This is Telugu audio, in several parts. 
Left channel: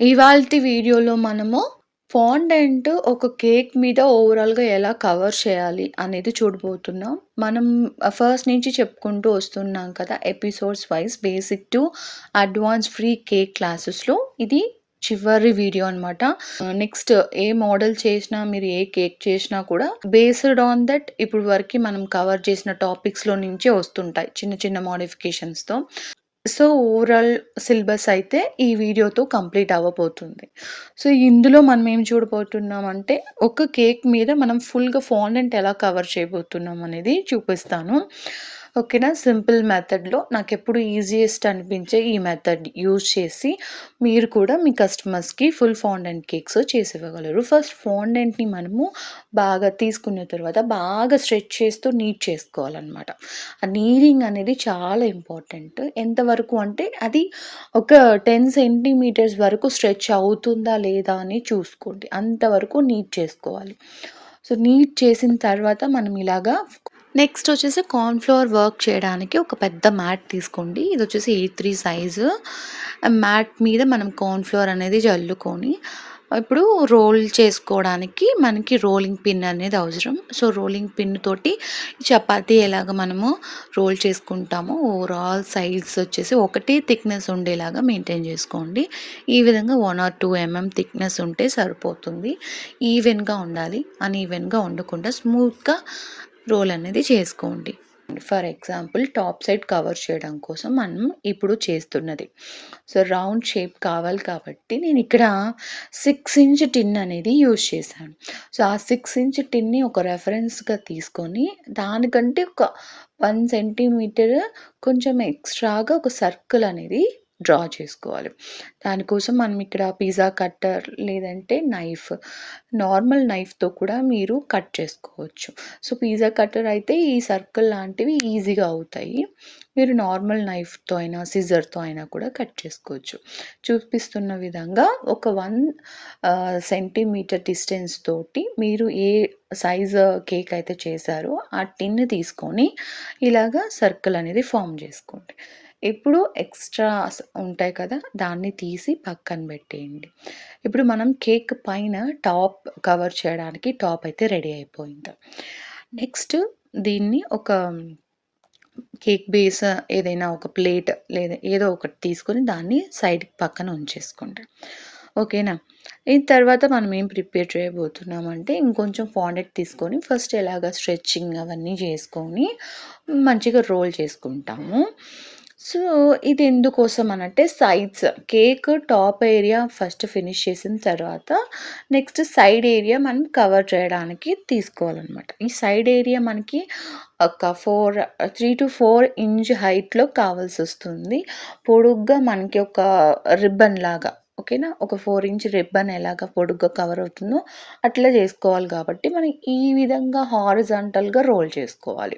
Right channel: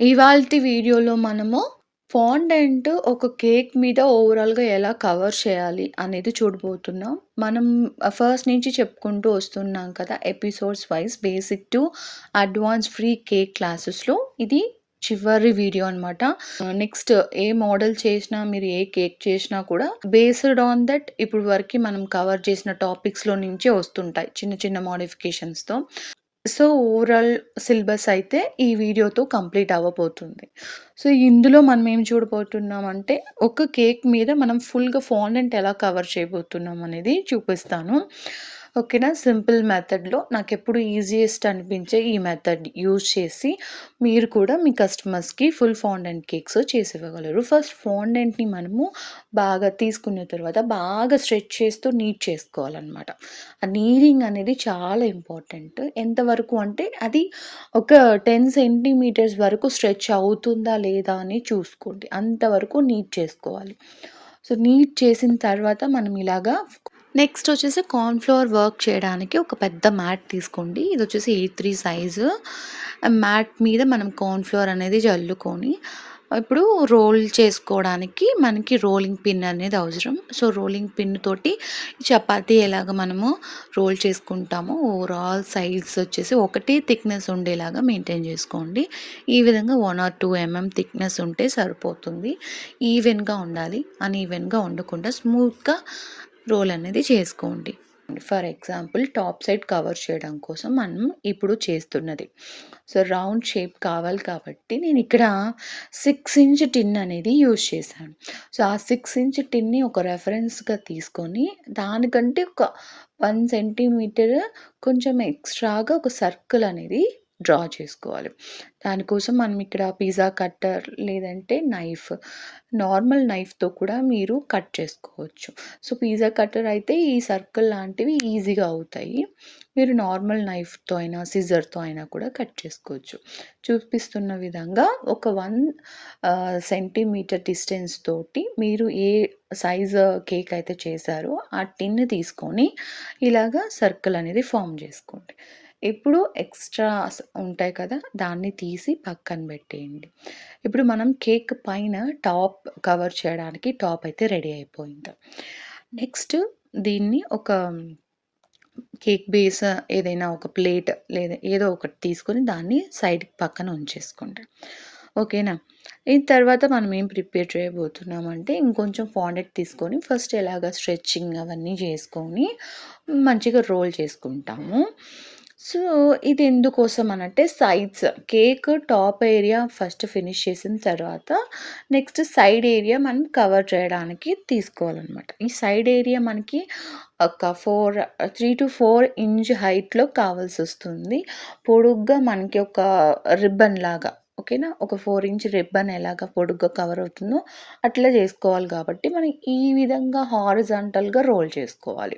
ఇవాల్టి వీడియోలో మనము ఫాండెంట్ ఒక కేక్ మీద ఓవరాల్‌గా ఎలా కవర్ చేయాలి అనేది చూడబోతున్నాం. మనం ఫస్ట్ నుంచి చెప్పుకుంటూ వస్తున్నాం కదా! Episodes wise basic to advance free cake క్లాసెస్‌లో ఇది చివరి వీడియో అనమాట. నెక్స్ట్ ఏ మోడల్ చేసినా, మీరు ఏ కేక్ చేసినా కూడా బేస్డ్ ఆన్ దట్ ఇప్పుడు వరకి మనం కవర్ చేసిన టాపిక్స్‌లో నుంచే వస్తుంటాయి. చిన్న చిన్న మోడిఫికేషన్స్‌తో. సో, ఓవరాల్ సిలబస్ అయితే ఈ వీడియోతో కంప్లీట్ అవ్వబోతుంది. సో, ఇందులో మనం ఏం చూడబోతున్నామంటే, ఒక కేక్ మీద మనం ఫుల్‌గా ఫాండెంట్ ఎలా కవర్ చేయబోతున్నాం అనేది చూపిస్తాను. ఓకేనా? సింపుల్ మెథడ్‌లో నాకెప్పుడు ఈజియెస్ట్ అనిపించే ఈ మెథడ్ యూజ్ చేసి, మీరు కూడా మీ కస్టమర్స్‌కి ఫుల్ ఫాండెంట్ కేక్స్ చేసివ్వగలరు. ఫస్ట్ ఫాండెంట్‌ని మనము బాగా తీసుకున్న తర్వాత బాగా స్ట్రెచ్ చేస్తూ నీట్ చేసుకోవాలనమాట. ఆ నీడింగ్ అనేది చాలా ఇంపార్టెంట్. ఎంతవరకు అంటే అది ఒక 10 సెంటీమీటర్స్ వరకు స్ట్రెచ్ అవుతుందా లేదా అని చూసుకోండి. అంతవరకు నీట్ చేసుకోవాలి. సో, నీట్ చేసిన తర్వాత మనం ఇలాగా నెక్స్ట్ వచ్చేసి కార్న్ ఫ్లోర్ వర్క్ చేయడానికి ఒక పెద్ద మ్యాట్ తీసుకోండి. ఇదొచ్చేసి A3 సైజు. మ్యాట్ మీద మనం కార్న్ ఫ్లోర్ అనేది జల్లుకొని, ఇప్పుడు రోల్ చేసుకోవడానికి మనకి రోలింగ్ పిన్ అనేది అవసరం. సో, రోలింగ్ పిన్ తోటి చపాతీ ఎలాగ మనము రోల్ చేసుకుంటామో ఓవరాల్ సైడ్స్ వచ్చేసి ఒకటే థిక్‌నెస్ ఉండేలాగా మెయింటైన్ చేసుకోండి. ఈ విధంగా 1 ఆర్ 2 థిక్‌నెస్ ఉంటే సరిపోతుంది. ఈవెన్‌గా ఉండాలి. అన్‌ఈవెన్‌గా ఉండకుండా స్మూత్‌గా రోల్ అనేది చేసుకోండి. For example top side cover చేయడం కోసం మనం ఇప్పుడు చేస్తున్నది. సో, రౌండ్ షేప్ కావాలి కాబట్టి నేనిక్కడ 6 ఇంచ్ టిన్ అనేది యూజ్ చేశాను. సో, ఆ 6 ఇంచ్ టిన్‌ని ఒక రెఫరెన్స్‌గా తీసుకొని దానికంటే ఒక 1 సెంటీమీటర్ కొంచెం ఎక్స్‌ట్రాగా ఒక సర్కిల్ అనేది డ్రా చేసుకోవాలి. దానికోసం మనం ఇక్కడ పిజ్జా కట్టర్ లేదంటే నైఫ్, నార్మల్ నైఫ్‌తో కూడా మీరు కట్ చేసుకోవచ్చు. సో, పిజ్జా కట్టర్ అయితే ఈ సర్కిల్ లాంటివి ఈజీగా అవుతాయి. మీరు నార్మల్ నైఫ్‌తో అయినా, సిజర్‌తో అయినా కూడా కట్ చేసుకోవచ్చు. చూపిస్తున్న విధంగా ఒక 1 సెంటీమీటర్ డిస్టెన్స్ తోటి మీరు ఏ సైజు కేక్ అయితే చేశారో ఆ టిన్ తీసుకొని ఇలాగా సర్కిల్ అనేది ఫార్మ్ చేసుకోండి. ఇప్పుడు ఎక్స్‌ట్రాస్ ఉంటాయి కదా! దాన్ని తీసి పక్కన పెట్టేయండి. ఇప్పుడు మనం కేక్ పైన టాప్ కవర్ చేయడానికి టాప్ అయితే రెడీ అయిపోయింది. నెక్స్ట్ దీన్ని ఒక కేక్ బేస్ ఏదైనా ఒక ప్లేట్ లేదా ఏదో ఒకటి తీసుకొని దాన్ని సైడ్‌కి పక్కన ఉంచేసుకోండి. ఓకేనా? ఈ తర్వాత మనం ఏం ప్రిపేర్ చేయబోతున్నామంటే ఇంకొంచెం ఫాండెంట్ తీసుకొని ఫస్ట్ ఎలాగా స్ట్రెచింగ్ అవన్నీ చేసుకొని మంచిగా రోల్ చేసుకుంటాము. సో, ఇది ఎందుకోసం అనంటే sides cake top area first finish చేసిన తర్వాత నెక్స్ట్ సైడ్ ఏరియా మనం కవర్ చేయడానికి తీసుకోవాలనమాట. ఈ సైడ్ ఏరియా మనకి ఒక 3-4 ఇంచ్ హైట్‌లో కావాల్సొస్తుంది. పొడుగ్గా మనకి ఒక రిబ్బన్ లాగా ఓకేనా? ఒక 4 ఇంచ్ రిబ్బన్ ఎలాగా పొడుగ్గా కవర్ అవుతుందో అట్లా చేసుకోవాలి కాబట్టి మనం ఈ విధంగా హారిజాంటల్‌గా రోల్ చేసుకోవాలి.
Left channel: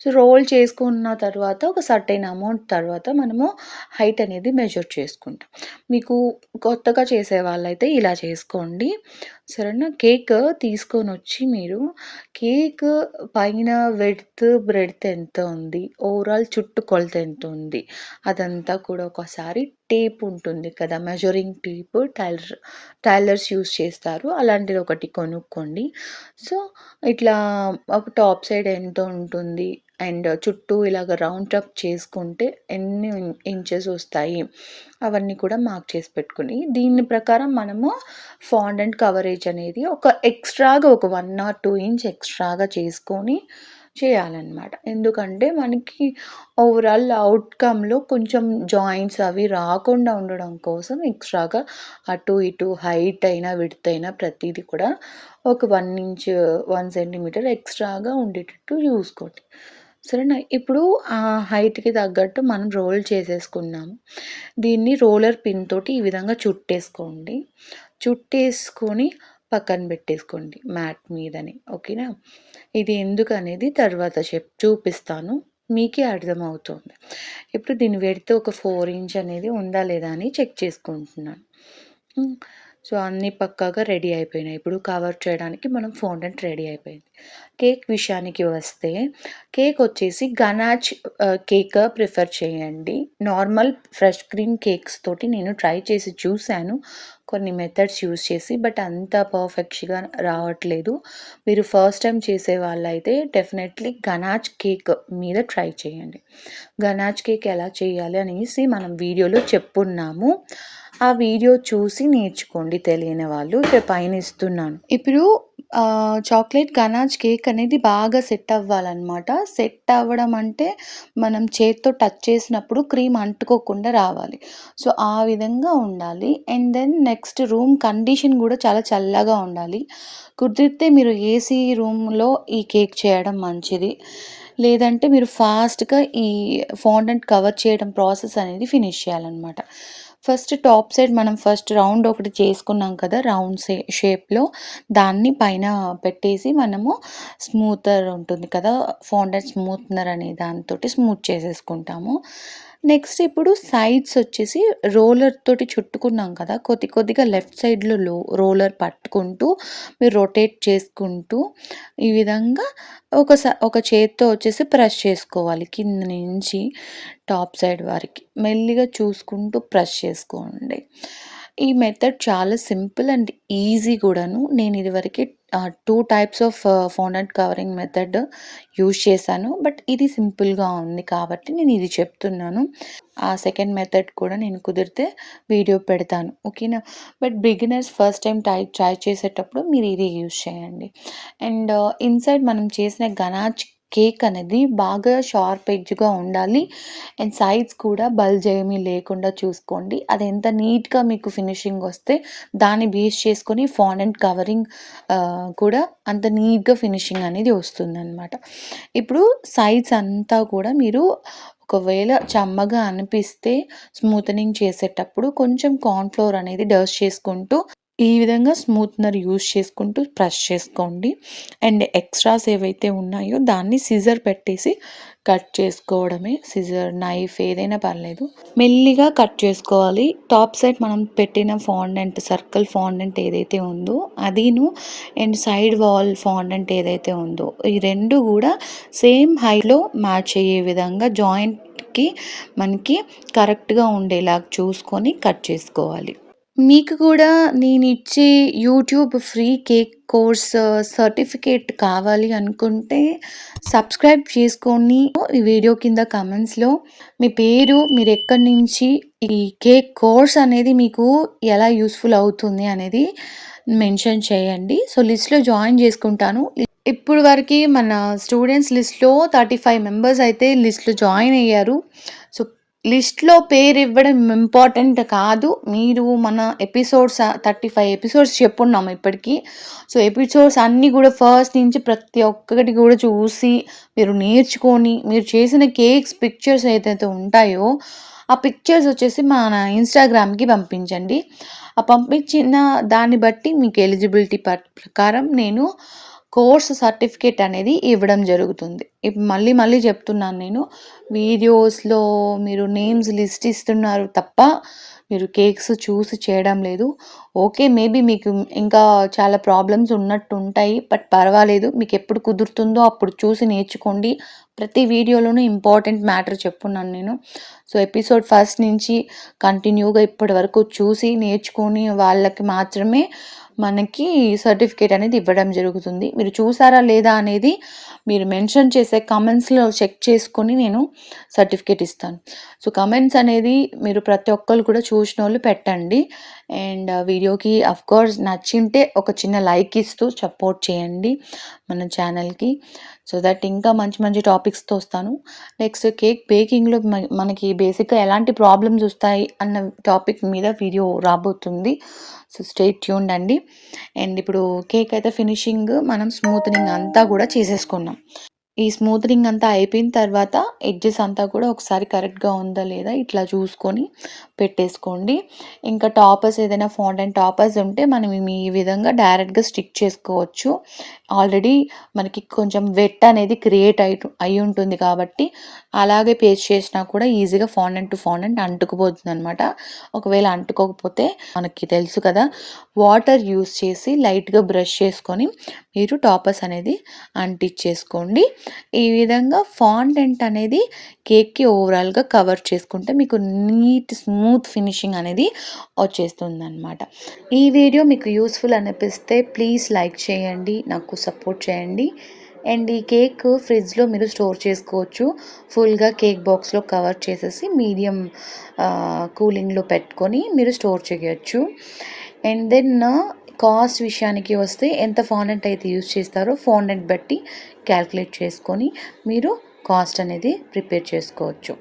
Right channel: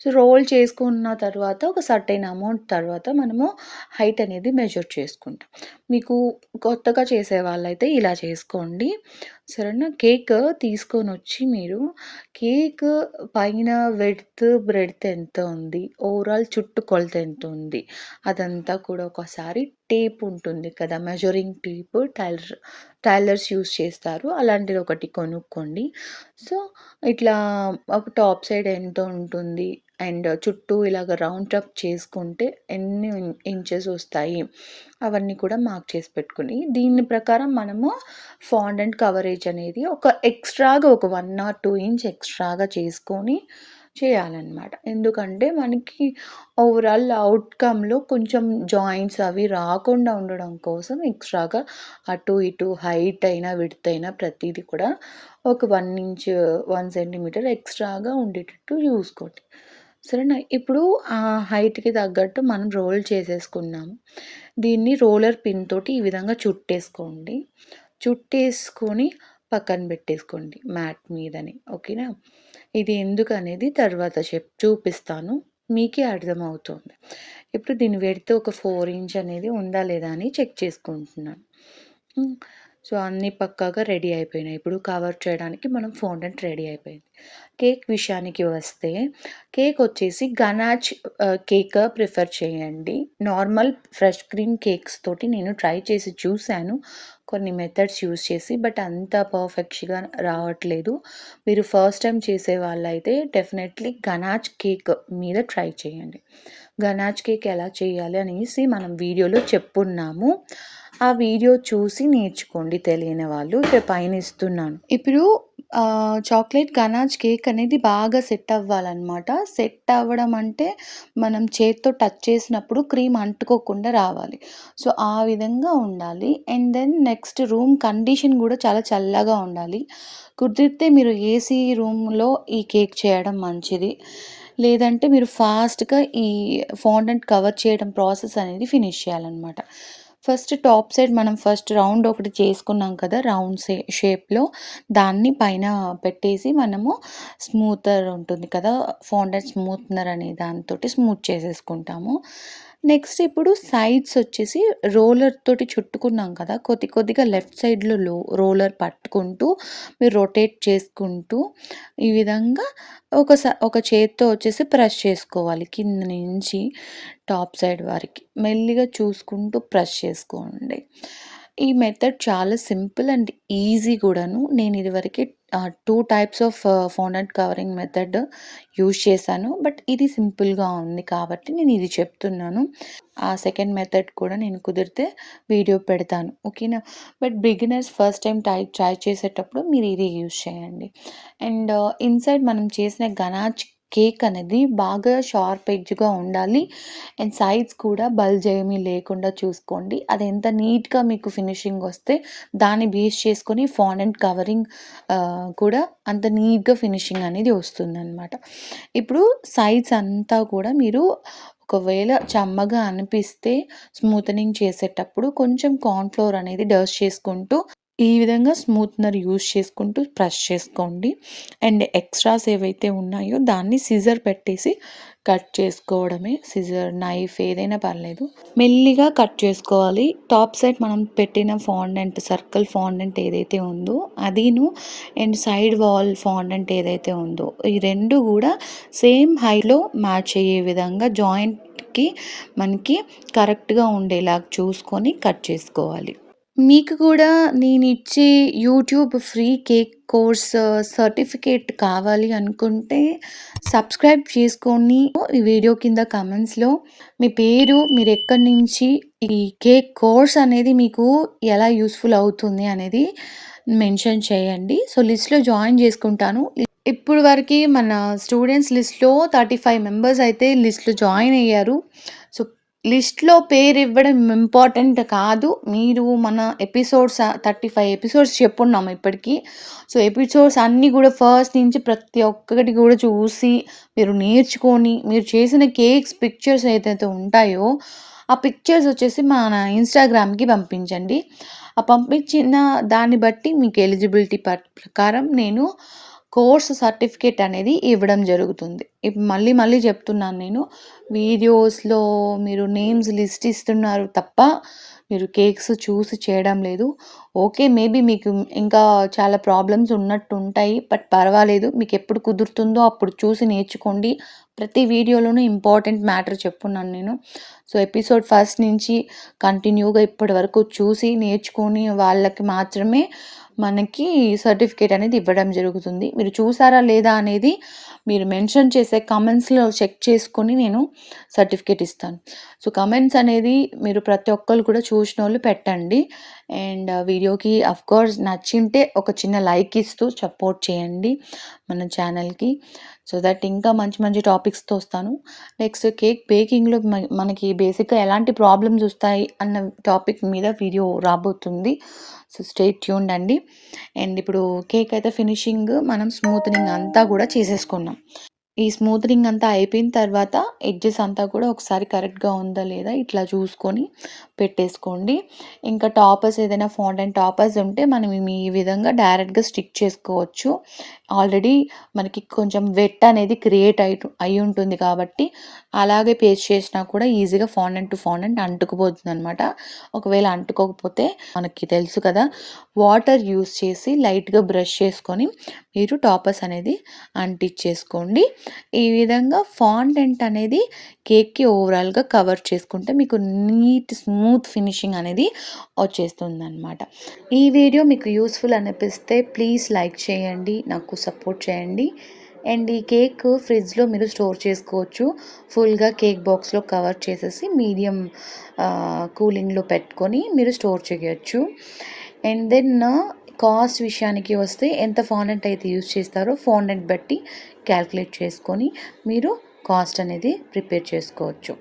సో, రోల్ చేసుకున్న తర్వాత ఒక సర్టెన్ అమౌంట్ తర్వాత మనము హైట్ అనేది మెజర్ చేసుకుంటాం. మీకు కొత్తగా చేసేవాళ్ళైతే ఇలా చేసుకోండి. సరేనా? కేక్ తీసుకొనొచ్చి మీరు కేక్ పైన విడ్త్, ఎంత ఉంది? ఓవరాల్ చుట్టూ కొలత ఎంతుంది? అదంతా కూడా ఒకసారి టేప్ ఉంటుంది కదా! మెజరింగ్ టేప్ టైలర్స్ యూజ్ చేస్తారు. అలాంటిది ఒకటి కొనుక్కోండి. సో, ఇట్లా ఒక టాప్ సైడ్ ఎంత ఉంటుంది? అండ్ చుట్టూ ఇలాగ రౌండ్ అప్ చేసుకుంటే ఎన్ని ఇంచెస్ వస్తాయి? అవన్నీ కూడా మార్క్ చేసి పెట్టుకొని, దీని ప్రకారం మనము ఫాండెంట్ కవరేజ్ అనేది ఒక ఎక్స్‌ట్రాగా ఒక 1 ఆర్ 2 ఇంచ్ ఎక్స్‌ట్రాగా చేసుకొని చేయాలనమాట. ఎందుకంటే మనకి ఓవరాల్ అవుట్‌కమ్‌లో కొంచెం జాయింట్స్ అవి రాకుండా ఉండడం కోసం ఎక్స్‌ట్రాగా అటు ఇటు హైట్ అయినా, విడ్త్ అయినా ప్రతీది కూడా ఒక 1 ఇంచ్, 1 సెంటీమీటర్ ఎక్స్‌ట్రాగా ఉండేటట్టు చూసుకోండి. సరేనా? ఇప్పుడు ఆ హైట్‌కి తగ్గట్టు మనం రోల్ చేసేసుకున్నాము. దీన్ని రోలర్ పిన్ తోటి ఈ విధంగా చుట్టేసుకోండి. చుట్టేసుకొని పక్కన పెట్టేసుకోండి మ్యాట్ మీదనే. ఓకేనా? ఇది ఎందుకనేది తర్వాత చూపిస్తాను. మీకే అర్థమవుతుంది. ఇప్పుడు దీన్ని పెడితే ఒక 4 ఇంచ్ అనేది ఉందా లేదా అని చెక్ చేసుకుంటున్నాను. హ్మ్. సో, అన్నీ పక్కాగా రెడీ అయిపోయినాయి. ఇప్పుడు కవర్ చేయడానికి మనం ఫోండెంట్ రెడీ అయిపోయింది. కేక్ విషయానికి వస్తే, కేక్ వచ్చేసి గనాచ్ కేక్ ప్రిఫర్ చేయండి. నార్మల్ ఫ్రెష్ క్రీమ్ కేక్స్ తోటి నేను ట్రై చేసి చూసాను. కొన్ని మెథడ్స్ యూజ్ చేసి. బట్ అంత పర్ఫెక్ట్‌గా రావట్లేదు. మీరు ఫస్ట్ టైమ్ చేసే వాళ్ళైతే డెఫినెట్‌లీ గనాచ్ కేక్ మీద ట్రై చేయండి. గనాచ్ కేక్ ఎలా చేయాలి అనేసి మనం వీడియోలో చెప్పున్నాము. ఆ వీడియో చూసి నేర్చుకోండి తెలియని వాళ్ళు. ఇక్కడ పైన ఇస్తున్నాను. ఇప్పుడు చాక్లేట్ గనాచ్ కేక్ అనేది బాగా సెట్ అవ్వాలనమాట. సెట్ అవ్వడం అంటే మనం చేత్తో టచ్ చేసినప్పుడు క్రీమ్ అంటుకోకుండా రావాలి. సో, ఆ విధంగా ఉండాలి. And then next room condition కూడా చాలా చల్లగా ఉండాలి. కుదిరితే మీరు ఏసీ రూమ్‌లో ఈ కేక్ చేయడం మంచిది. లేదంటే మీరు ఫాస్ట్‌గా ఈ ఫాండెంట్ కవర్ చేయడం ప్రాసెస్ అనేది ఫినిష్ చేయాలనమాట. ఫస్ట్ టాప్ సైడ్ మనం ఫస్ట్ రౌండ్ ఒకటి చేసుకున్నాం కదా! రౌండ్ షేప్‌లో దాన్ని పైన పెట్టేసి మనము స్మూతర్ ఉంటుంది కదా! ఫాండెంట్ స్మూత్‌నర్ అనే దానితోటి స్మూత్ చేసేసుకుంటాము. నెక్స్ట్ ఇప్పుడు సైడ్స్ వచ్చేసి రోలర్ తోటి చుట్టుకున్నాం కదా! కొద్ది కొద్దిగా లెఫ్ట్ సైడ్‌లో రోలర్ పట్టుకుంటూ మీరు రొటేట్ చేసుకుంటూ ఈ విధంగా ఒక చేత్తో వచ్చేసి ప్రెస్ చేసుకోవాలి. కింద నుంచి టాప్ సైడ్ వరకి. మెల్లిగా చూసుకుంటూ ప్రెస్ చేసుకోండి. ఈ మెథడ్ చాలా సింపుల్ అండ్ ఈజీ కూడాను. నేను ఇదివరకి 2 types of fondant covering method use చేశాను. బట్ ఇది సింపుల్‌గా ఉంది కాబట్టి నేను ఇది చెప్తున్నాను. ఆ సెకండ్ మెథడ్ కూడా నేను కుదిరితే వీడియో పెడతాను. ఓకేనా? But beginners first time try చేసేటప్పుడు మీరు ఇది యూజ్ చేయండి. అండ్ ఇన్‌సైడ్ మనం చేసిన గనాచ్ కేక్ అనేది బాగా షార్ప్ ఎడ్జ్‌గా ఉండాలి. అండ్ సైడ్స్ కూడా బల్జ్ ఏమీ లేకుండా చూసుకోండి. అది ఎంత నీట్‌గా మీకు ఫినిషింగ్ వస్తే దాన్ని బేస్ చేసుకొని ఫాండెంట్ కవరింగ్ కూడా అంత నీట్‌గా ఫినిషింగ్ అనేది వస్తుందనమాట. ఇప్పుడు సైడ్స్ అంతా కూడా మీరు ఒకవేళ చెమ్మగా అనిపిస్తే స్మూతనింగ్ చేసేటప్పుడు కొంచెం కార్న్ ఫ్లోర్ అనేది డస్ట్ చేసుకుంటూ ఈ విధంగా స్మూత్‌నర్ యూజ్ చేసుకుంటూ ప్రెస్ చేసుకోండి. అండ్ ఎక్స్‌ట్రాస్ ఏవైతే ఉన్నాయో దాన్ని సిజర్ పెట్టేసి కట్ చేసుకోవడమే. సిజర్, నైఫ్ ఏదైనా పర్లేదు. మెల్లిగా కట్ చేసుకోవాలి. టాప్ సైడ్ మనం పెట్టిన ఫాండెంట్ సర్కిల్ ఫాండెంట్ ఏదైతే ఉందో అదీను అండ్ సైడ్ వాల్ ఫాండెంట్ ఏదైతే ఉందో ఈ 2 కూడా సేమ్ హైట్‌లో మ్యాచ్ అయ్యే విధంగా జాయింట్‌కి మనకి కరెక్ట్‌గా ఉండేలాగా చూసుకొని కట్ చేసుకోవాలి. మీకు కూడా నేనిచ్చే YouTube free cake course certificate కావాలి అనుకుంటే సబ్స్క్రైబ్ చేసుకొని ఈ వీడియో కింద కమెంట్స్‌లో మీ పేరు, మీరెక్కడి నుంచి ఈ కేక్ కోర్స్ అనేది మీకు ఎలా యూజ్‌ఫుల్ అవుతుంది అనేది మెన్షన్ చేయండి. సో, లిస్ట్‌లో జాయిన్ చేసుకుంటాను. ఇప్పుడు వరకి మన స్టూడెంట్స్ లిస్ట్‌లో 35 మెంబర్స్ అయితే లిస్ట్‌లో జాయిన్ అయ్యారు. సో, లిస్ట్‌లో పేరివ్వడం ఇంపార్టెంట్ కాదు. మీరు మన ఎపిసోడ్స్ 35 ఎపిసోడ్స్ చెప్పున్నాం ఇప్పటికి. సో, ఎపిసోడ్స్ అన్నీ కూడా ఫస్ట్ నుంచి ప్రతి ఒక్కటి కూడా చూసి, మీరు నేర్చుకొని, మీరు చేసిన కేక్స్ పిక్చర్స్ ఏదైతే ఉంటాయో, ఆ పిక్చర్స్ వచ్చేసి మన ఇన్‌స్టాగ్రామ్‌కి పంపించండి. ఆ పంపించిన దాన్ని బట్టి మీకు ఎలిజిబిలిటీ ప్రకారం నేను కోర్స్ సర్టిఫికేట్ అనేది ఇవ్వడం జరుగుతుంది. మళ్ళీ మళ్ళీ చెప్తున్నాను నేను. వీడియోస్‌లో మీరు నేమ్స్ లిస్ట్ ఇస్తున్నారు తప్ప, మీరు కేక్స్ చూసి చేయడం లేదు. ఓకే. మేబీ మీకు ఇంకా చాలా ప్రాబ్లమ్స్ ఉన్నట్టుంటాయి. బట్ పర్వాలేదు. మీకెప్పుడు కుదురుతుందో అప్పుడు చూసి నేర్చుకోండి. ప్రతి వీడియోలోనూ ఇంపార్టెంట్ మ్యాటర్ చెప్పున్నాను నేను. సో, ఎపిసోడ్ ఫస్ట్ నుంచి కంటిన్యూగా ఇప్పటి వరకు చూసి నేర్చుకొని వాళ్ళకి మాత్రమే మనకి సర్టిఫికేట్ అనేది ఇవ్వడం జరుగుతుంది. మీరు చూసారా లేదా అనేది మీరు మెన్షన్ చేసే కామెంట్స్‌లో చెక్ చేసుకొని నేను సర్టిఫికేట్ ఇస్తాను. సో, కామెంట్స్ అనేది మీరు ప్రతి ఒక్కళ్ళు కూడా చూసినోళ్ళు పెట్టండి. అండ్ వీడియోకి ఆఫ్‌కోర్స్ నచ్చింటే ఒక చిన్న లైక్ ఇస్తూ సపోర్ట్ చేయండి మన ఛానల్‌కి. సో దట్ ఇంకా మంచి మంచి టాపిక్స్‌తో వస్తాను. నెక్స్ట్ కేక్ బేకింగ్‌లో మనకి బేసిక్‌గా ఎలాంటి ప్రాబ్లమ్స్ వస్తాయి అన్న టాపిక్ మీద వీడియో రాబోతుంది. సో, స్టే ట్యూన్డ్ అండి. అండ్ ఇప్పుడు కేక్ అయితే ఫినిషింగ్ మనం స్మూతనింగ్ అంతా కూడా చేసేసుకున్నాం. ఈ స్మూతనింగ్ అంతా అయిపోయిన తర్వాత ఎడ్జెస్ అంతా కూడా ఒకసారి కరెక్ట్‌గా ఉందా లేదా ఇట్లా చూసుకొని పెట్టేసుకోండి. ఇంకా టాపర్స్ ఏదైనా ఫాండెంట్ టాపర్స్ ఉంటే మనం ఈ విధంగా డైరెక్ట్‌గా స్టిక్ చేసుకోవచ్చు. ఆల్రెడీ మనకి కొంచెం వెట్ అనేది క్రియేట్ అయ్యి ఉంటుంది కాబట్టి అలాగే పేస్ట్ చేసినా కూడా ఈజీగా ఫాండెంట్ టు ఫాండెంట్ అంటుకుపోతుందనమాట. ఒకవేళ అంటుకోకపోతే మనకి తెలుసు కదా, వాటర్ యూజ్ చేసి లైట్‌గా బ్రష్ చేసుకొని మీరు టాపర్స్ అనేది అంటించేసుకోండి. ఈ విధంగా ఫాండెంట్ అనేది కేక్‌కి ఓవరాల్‌గా కవర్ చేసుకుంటే మీకు నీట్ స్మూత్ ఫినిషింగ్ అనేది వచ్చేస్తుందనమాట. ఈ వీడియో మీకు యూస్‌ఫుల్ అనిపిస్తే ప్లీజ్ లైక్ చేయండి, నాకు సపోర్ట్ చేయండి. అండ్ ఈ కేక్ ఫ్రిడ్జ్‌లో మీరు స్టోర్ చేసుకోవచ్చు. ఫుల్‌గా కేక్ బాక్స్‌లో కవర్ చేసేసి మీడియం కూలింగ్‌లో పెట్టుకొని మీరు స్టోర్ చేయొచ్చు. అండ్ దెన్ కాస్ట్ విషయానికి వస్తే ఎంత ఫాండెంట్ అయితే యూజ్ చేస్తారో ఫాండెంట్ బట్టి క్యాలిక్యులేట్ చేసుకొని మీరు కాస్ట్ అనేది ప్రిపేర్ చేసుకోవచ్చు.